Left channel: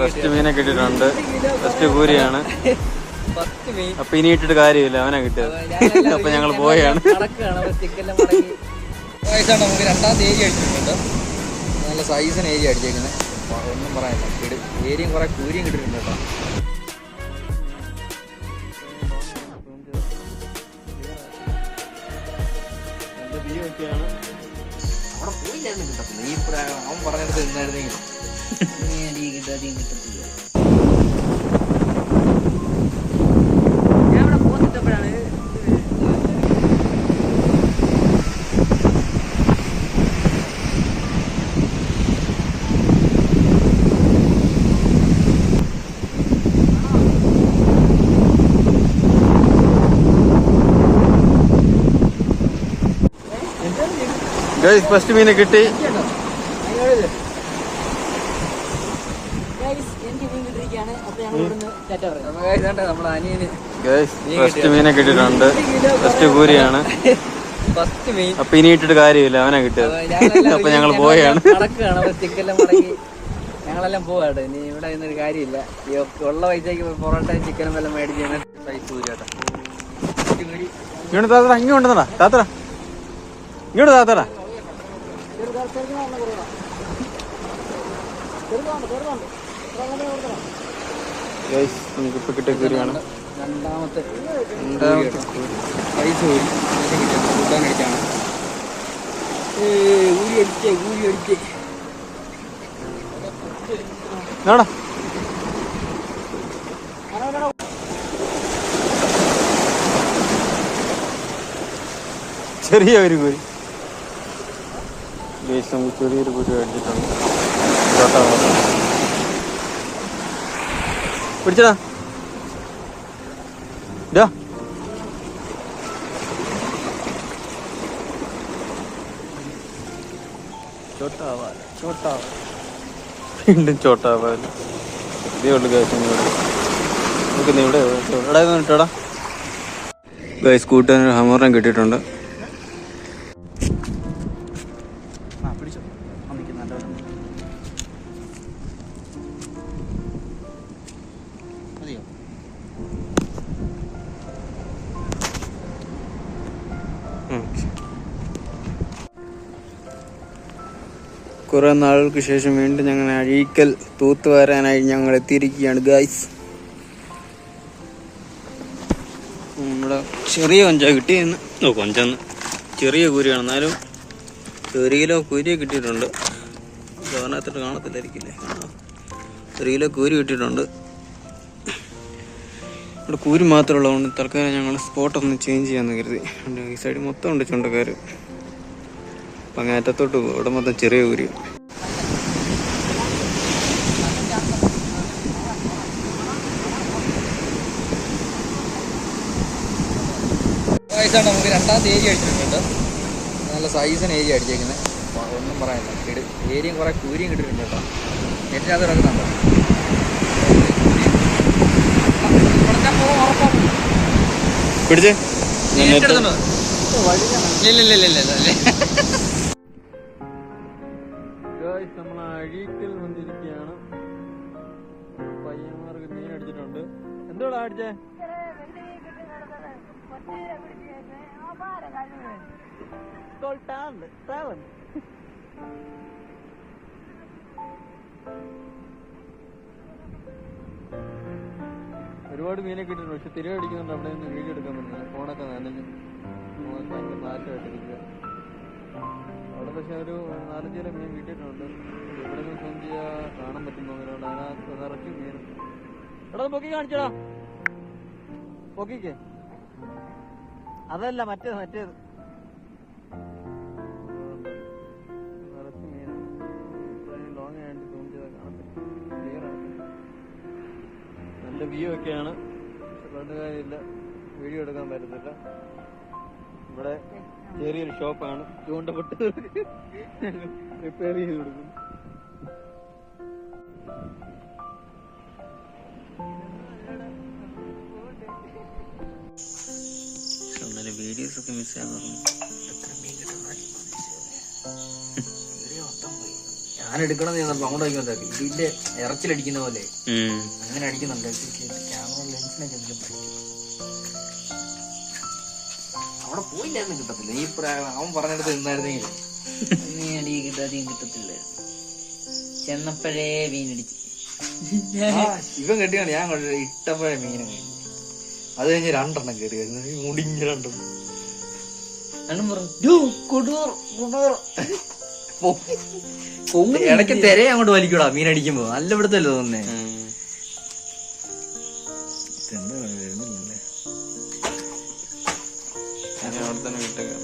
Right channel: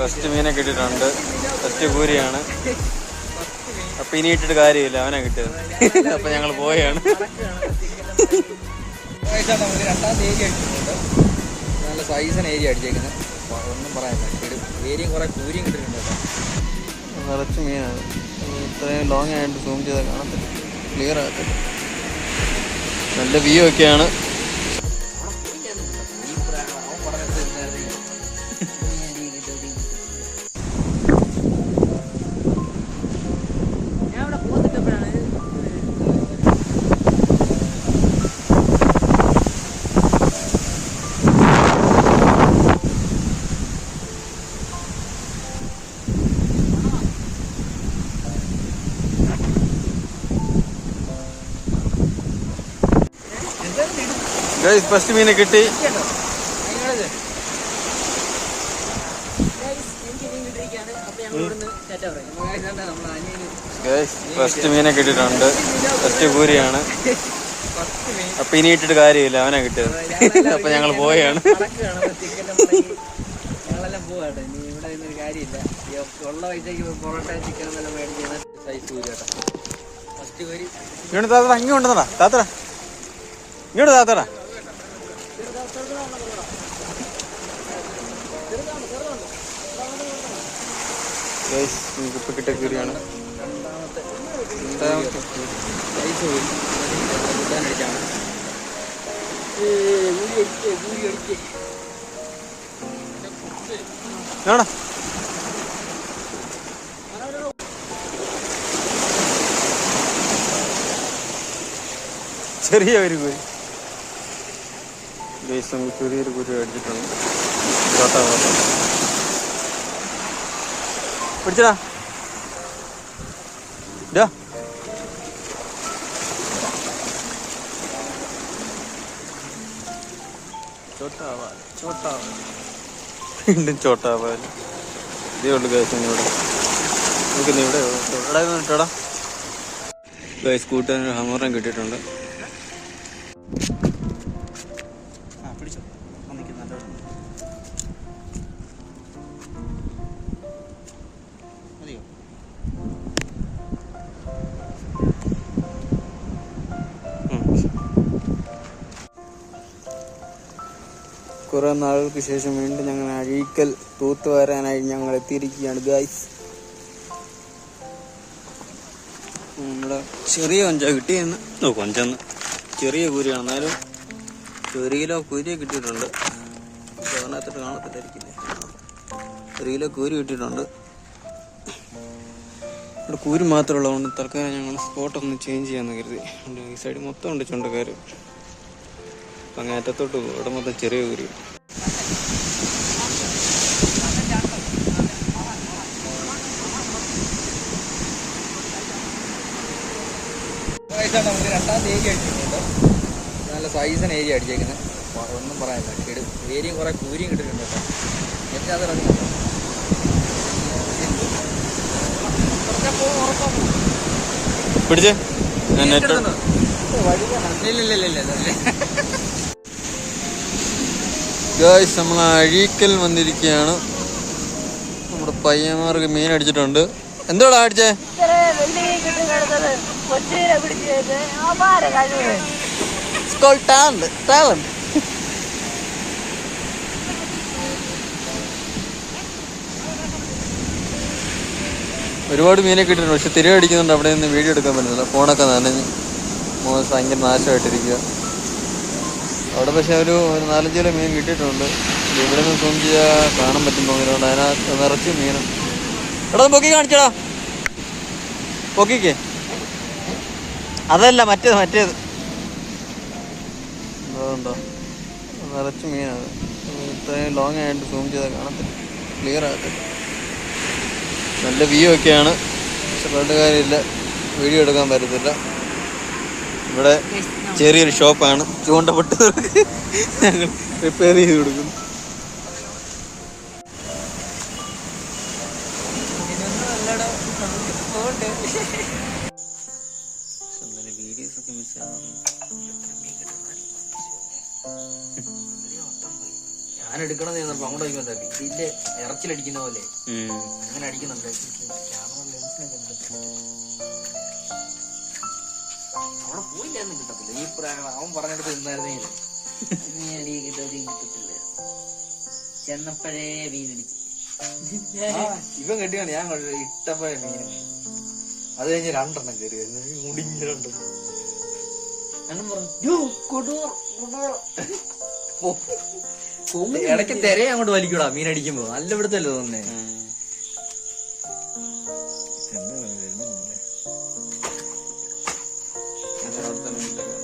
First മീനെ കിട്ടിയിട്ടുണ്ട്. First കൂരിയാണ്. അപ്പൊ ഇനി ഇട്ടിട്ട് കാര്യമില്ല, അവനാ കിട്ടിയത്. അപ്പൊ ഞങ്ങൾ പോയാണ്. നമുക്ക് രണ്ടാമത്തെ ഏരിയ അടിച്ചിട്ടുണ്ട്. നല്ല സൈസിന് ഏരിയ അടിച്ചേക്കുന്നത്. ഒന്നും പറയാനില്ല. ഏരിയയും കുറെ കൂരിയും കിട്ടിയിട്ടുണ്ട് കേട്ടോ. നിറച്ച് മീനാണ്. ഇത്രയും ലോങ് ആയിട്ട് സൂം ചെയ്താൽ കാണത്തില്ല, ക്ലിയർ ആകത്തില്ല. നല്ല വ്യൂ ഒക്കെയാണ്. അവൻ പറഞ്ഞെടുത്ത് എന്തായിരുന്നെങ്കിൽ ഞാൻ ഇവിടെ പോന്നിട്ടപ്പോഴാണ് ഫസ്റ്റ് മീനെ കിട്ടി. ഫസ്റ്റ് മീനെ കിട്ടിയിട്ടുണ്ട്. ഫസ്റ്റ് കൂരിയാണ്. അപ്പൊ ഇനി ഇട്ടിട്ട് കാര്യമില്ല, അവനാ കിട്ടിയത്. അപ്പൊ ഞങ്ങൾ പോയാണ്. ഞങ്ങളെല്ലാം പോവാട്ടോ. ഇനി ഇവിടെ ഇന്നൊരു കാര്യമില്ല. ഉള്ള പൈസക്ക് പൊറോട്ടയും ചിക്കനും എല്ലാം മേടിച്ച് സൈസ് കൂരി കേട്ടോ. ഇങ്ങോട്ട് താത്തടാ, ഇങ്ങോട്ടാ താത്തടാ, ഇങ്ങോട്ട് താത്തടാ. നമുക്കിപ്പോ കിട്ടിയ കൂരിയാണ്. രണ്ടാമത്തെ കൂരി പൈസ കൂരി കൂട്ടാനടിച്ചാണ്. കൂരി അടിച്ചേ ചെറിയ ഒരു കൂരി. നമുക്ക് ചെറിയൊരു കൂരി അടിച്ചിട്ടുണ്ട്. പിടിച്ചടാ. വീണ്ടും ചോട്ടാവാല. ഇതേ ഉള്ളു ഗൈസിനോട്. നമുക്ക് ഇവിടെ ഇട്ടോടാ. ഗൈസ് കൂട്ടാൻ ഹമോറിനെ കിട്ടിയിട്ടുണ്ട്. കുറെ നാളുകൾക്ക് ശേഷം വീണ്ടും ഞങ്ങൾ അഴീക്കൽ തൂത്തുവാരാനായി ഞങ്ങൾ എത്തിയിരിക്കുകയാണ് ഗൈസ്. നമ്മുടെ ചെറിയ കൊഞ്ച കിട്ടിയെന്ന്. കൊഞ്ചെന്ന് ചെറിയ കൂരിയാണ്, എന്നാലും 1 കിലോ കൂരി കിട്ടിയിട്ടുണ്ട്. അതിനകത്തിട്ട് കാണത്തില്ലായിരിക്കില്ലേ. 1 കിലോ കൂരി കിട്ടിയിട്ടുണ്ട്. ഇവിടെ കൂരി മാത്രമുള്ളതുകൊണ്ട് തൽക്കാലം ഞങ്ങൾ സ്പോട്ടൊന്ന് ചേഞ്ച് ചെയ്യാമെന്ന് കരുതി. ഈ സൈഡ് മൊത്തം ഉണ്ട് ചുണ്ടക്കാർ. അപ്പം അങ്ങേറ്റത്തോട്ട് പോകും. ഇവിടെ മൊത്തം ചെറിയ കൂരി. നമുക്ക് രണ്ടാമത്തെ ഏരിയ അടിച്ചിട്ടുണ്ട്. നല്ല സൈസിന് ഏരിയ അടിച്ചേക്കുന്നത്. ഒന്നും പറയാനില്ല. ഏരിയയും കുറെ കൂരിയും കിട്ടിയിട്ടുണ്ട് കേട്ടോ. നെറ്റിനകത്ത് ഇറക്കുന്നുണ്ടോ. പിടിച്ചേ. ഗായ്സ് നമ്മൾ അഴീക്കൽ വന്നിരിക്കുകയാണ്. നമ്മുടെ പയ്യന്മാർക്ക് മീൻ അടിച്ചിട്ടുണ്ട്. എന്തോടാ അടിച്ചേ? ഒരുപാട് മീനെ കിട്ടിയിട്ടുണ്ട്. പക്ഷെ തിര അടിക്കുന്നുണ്ട്. അവിടെ നിന്ന് വീഡിയോ എടുക്കാൻ പറ്റുന്നില്ല. ഫോണൊക്കെ നനഞ്ഞ് ഭയങ്കര നാശമായിട്ടിരിക്കുക. അവിടെ പക്ഷെ ഒരു 4-5 കിലോ മീൻ കിട്ടിയിട്ടുണ്ട്. ഇവിടെ നിന്ന് സൂം ചെയ്യാൻ കാണാൻ പറ്റും തോന്നിയിട്ടുണ്ട്. അതിനകത്ത് നിറച്ച് മീനും. എടാ പൊക്കി കാണിച്ചടാ. പൊക്കിക്കേ. അതല്ല മറ്റേത് അതുകൊണ്ടോ നിറച്ച് മീനാണ്. ഇത്രയും ലോങ് ആയിട്ട് സൂം ചെയ്താൽ കാണത്തില്ല, ക്ലിയർ ആകത്തില്ല. നല്ല വ്യൂ ഒക്കെയാണ്. പക്ഷെ പറഞ്ഞ കാര്യമില്ല, വീഡിയോ എടുക്കാൻ പറ്റത്തില്ല. ഇവിടെ ചെറിയൊരു ഷോപ്പാണ്. ചൂണ്ടപ്പെട്ട് ഞങ്ങൾ റിപ്പയർ ചെയ്ത് കൊടുക്കുന്നു. വീഡിയോസ് ഒക്കെ മിസ് ആകുന്നു. ഞാൻ എടുക്കണം ചെന്നപ്പോ അങ്ങോട്ട് വയ്ക്കുമ്പോ ഇതിന്റെ ഇറച്ചിലടിക്കുന്ന പോലെ അങ്ങനെ അടിക്കുന്നുണ്ട്. ക്യാമറ ലെൻസിനൊക്കെ അവിടെ പോയില്ലായിരുന്നു കിട്ടത്തില്ല. ഈ അവൻ പറഞ്ഞെടുത്ത് നിന്നായിരുന്നെങ്കിൽ നീ അടി കിട്ടാതെയും കിട്ടത്തില്ല. ചെന്നപ്പോഴേ മീനടിച്ച് ഇവൻ കെട്ടിയാണ് ഞാൻ ഇട്ടപ്പോഴേ മീനും കഴിഞ്ഞു. അത് കഴിഞ്ഞ് 2 എണ്ണം കയറി വരുന്നത് മുടിഞ്ഞ 2 എണ്ണം. ഇടയ്ക്ക് തെരയെ അങ്ങോട്ട് വലിക്കൂടാ മീൻ അടിക്കുമ്പോ. നല്ല ഇവിടുത്തല്ലേ തോന്നേ. അവിടെ തന്നെ വിട്ടേക്കാം.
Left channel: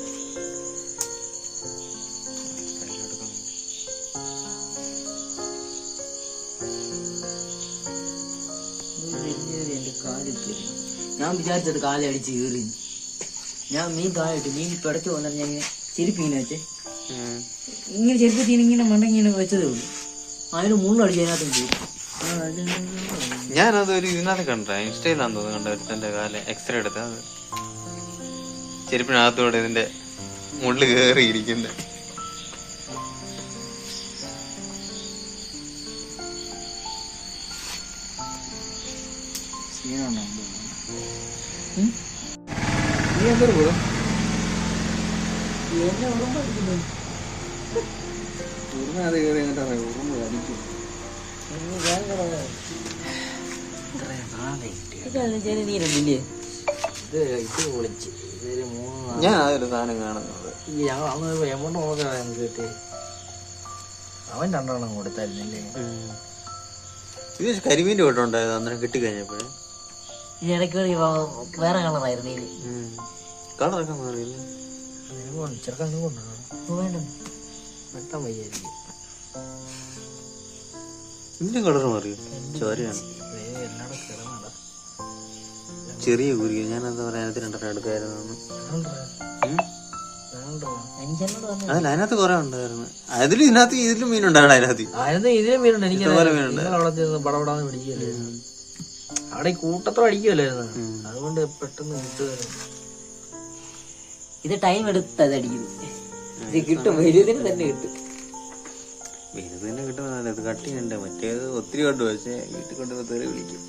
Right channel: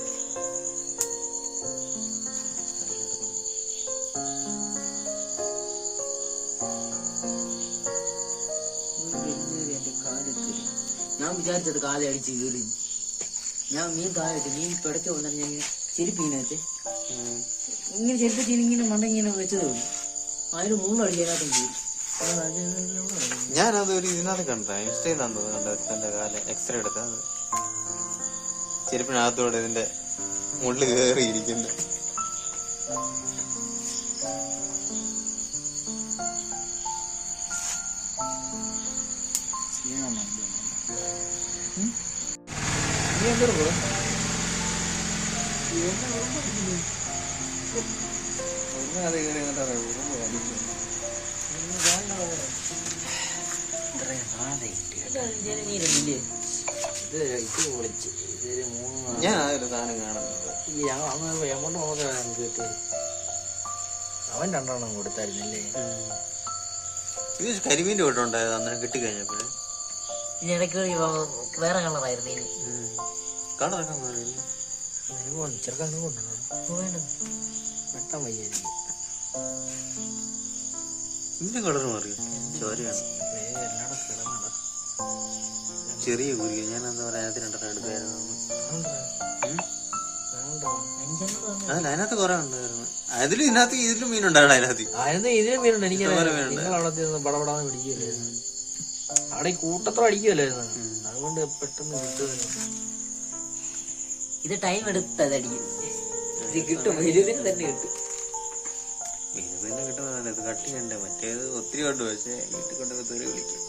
എന്റെ കാലെത്തി. ഞാൻ വിചാരിച്ചത് കാലെ അടിച്ച് കയറി. ഞാൻ മീൻ താഴെട്ട് മീൻ പിടയ്ക്ക് വന്നിട്ട് ഞാൻ ഇങ്ങനെ ചെരുപ്പ് ഇങ്ങനെ വെച്ചേ, ഇങ്ങനെ ചെരുപ്പ് തീനെ ഇങ്ങനെ മണ്ടങ്ങിങ്ങനെ വെച്ചതേ ഉള്ളൂ. അതിന് മുള്ളടിച്ച് അതിനകത്തും പോയി. ഞാനത് ഒരു ഇതിനകത്ത് കണ്ട, ഇൻസ്റ്റയിലാന്ന് തോന്നുന്നു കണ്ട, ഒരുത്തന്റെ കാല് എക്സ്റേ എടുത്ത അത് ചെരുപ്പിനകത്തോടെ ഇതിന്റെ മുള്ളു കയറിയിരിക്കുന്നത്. ഞാൻ അതൊരു സാധനം കാണുന്നത്. അവൻ 2 എണ്ണം കൊടുത്തായിരുന്നല്ലേ. ഇത് കരിമീന്റെ കൂട്ടം ഉണ്ടായത് അന്നേരം കിട്ടിക്കഴിഞ്ഞപ്പോഴേ. ഇനി ഇടയ്ക്ക് വേറെ കളറായിരുന്നു ഇതിന്. കളറൊക്കെ മാറിയില്ലേ? ചെറുക്കാൻ വേണ്ട വെട്ടാൻ വയ്യായിരിക്കും. ഇതിന്റെ കളർ മാറിയോ? ചോരയാണ്. ചെറിയ കുരുക. ഞാൻ എന്താ പറയാ, 2 എണ്ണം എടുക്കായിരുന്നു. അതല്ല, അതിനകത്ത് കുറെ ഉണ്ടായിരുന്നു. അതിലും ഇതിലും മീനുണ്ടായിരുന്നു. ഇതിലും മീനുണ്ട്. എനിക്ക് അവിടെ പടപടാന്ന് പിടിക്കുകയല്ലേ. അവിടെ ഈ കൂട്ടത്തോടെ അടിക്കുമല്ലായിരുന്നു. അതുകൊണ്ട് പെട്ടെന്ന് കിട്ടുമായിരുന്നു. ഇത് ടൈം എടുത്തത് അടിക്കുന്നത്. ഇത് കിട്ടും, വലുതിന് തന്നെ കിട്ടും. വലുത് തന്നെ കിട്ടുന്നതല്ല, ഇത് കട്ടി ഉണ്ട്. മറ്റേത് ഒത്തിരി കൊണ്ട് പക്ഷേ വീട്ടിൽ കൊണ്ടുപോയി തെറി വിളിക്കും.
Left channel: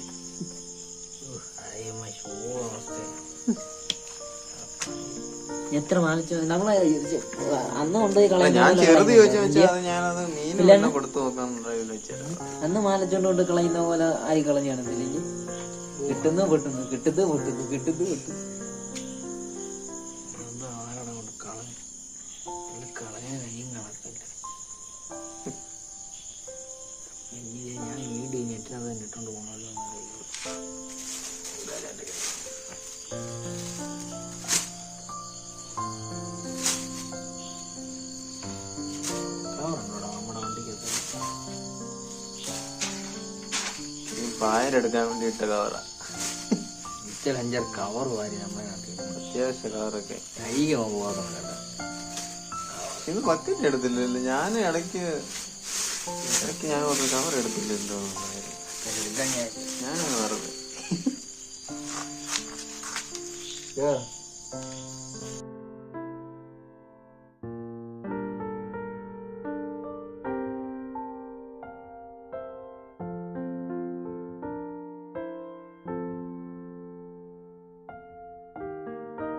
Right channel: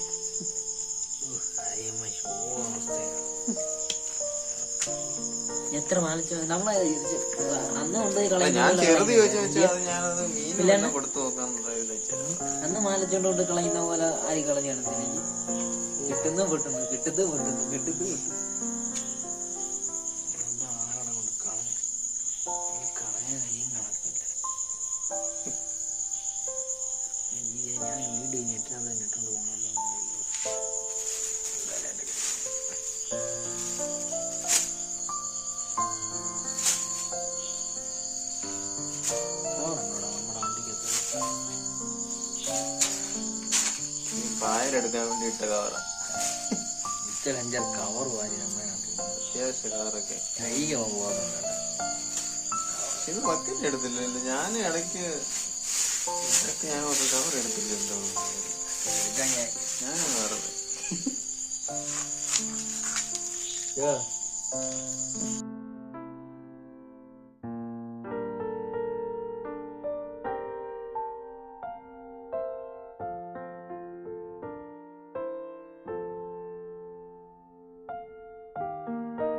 എത്ര മാലിച്ച നമ്മളെ അന്ന് കൊണ്ടുപോയി ഞാൻ ചെറുത് ചോദിച്ചാൽ ഞാനത് മീൻ കൊടുത്തു നോക്കാൻ. അന്ന് മാലിച്ചോണ്ട് കൊണ്ട് കളയുന്ന പോലെ ആയി കളഞ്ഞാണ്. കിട്ടുന്നു പൊട്ടുന്നു, കിട്ടുന്നു പൊട്ടുന്നു, കിട്ടുന്നു പൊട്ടുന്നു. ഇട്ടോണ്ട് പോകണല്ലോ. പായലെടുക്കാൻ വേണ്ടി ഇട്ട കവറ. 5-6 കവർ വാരി നമ്മളെ നാട്ടിൽ. അത്യാവശ്യ കവറൊക്കെ കഴിക്കാൻ പോകാറുണ്ടല്ലോ. ഇത് ബക്കറ്റ് എടുത്തില്ലല്ലോ. ഞാൻ ഇടയ്ക്ക് ഞാൻ ഒരു കവർ എടുത്തില്ലല്ലോ. ഞാനങ്ങ് വെറുതെ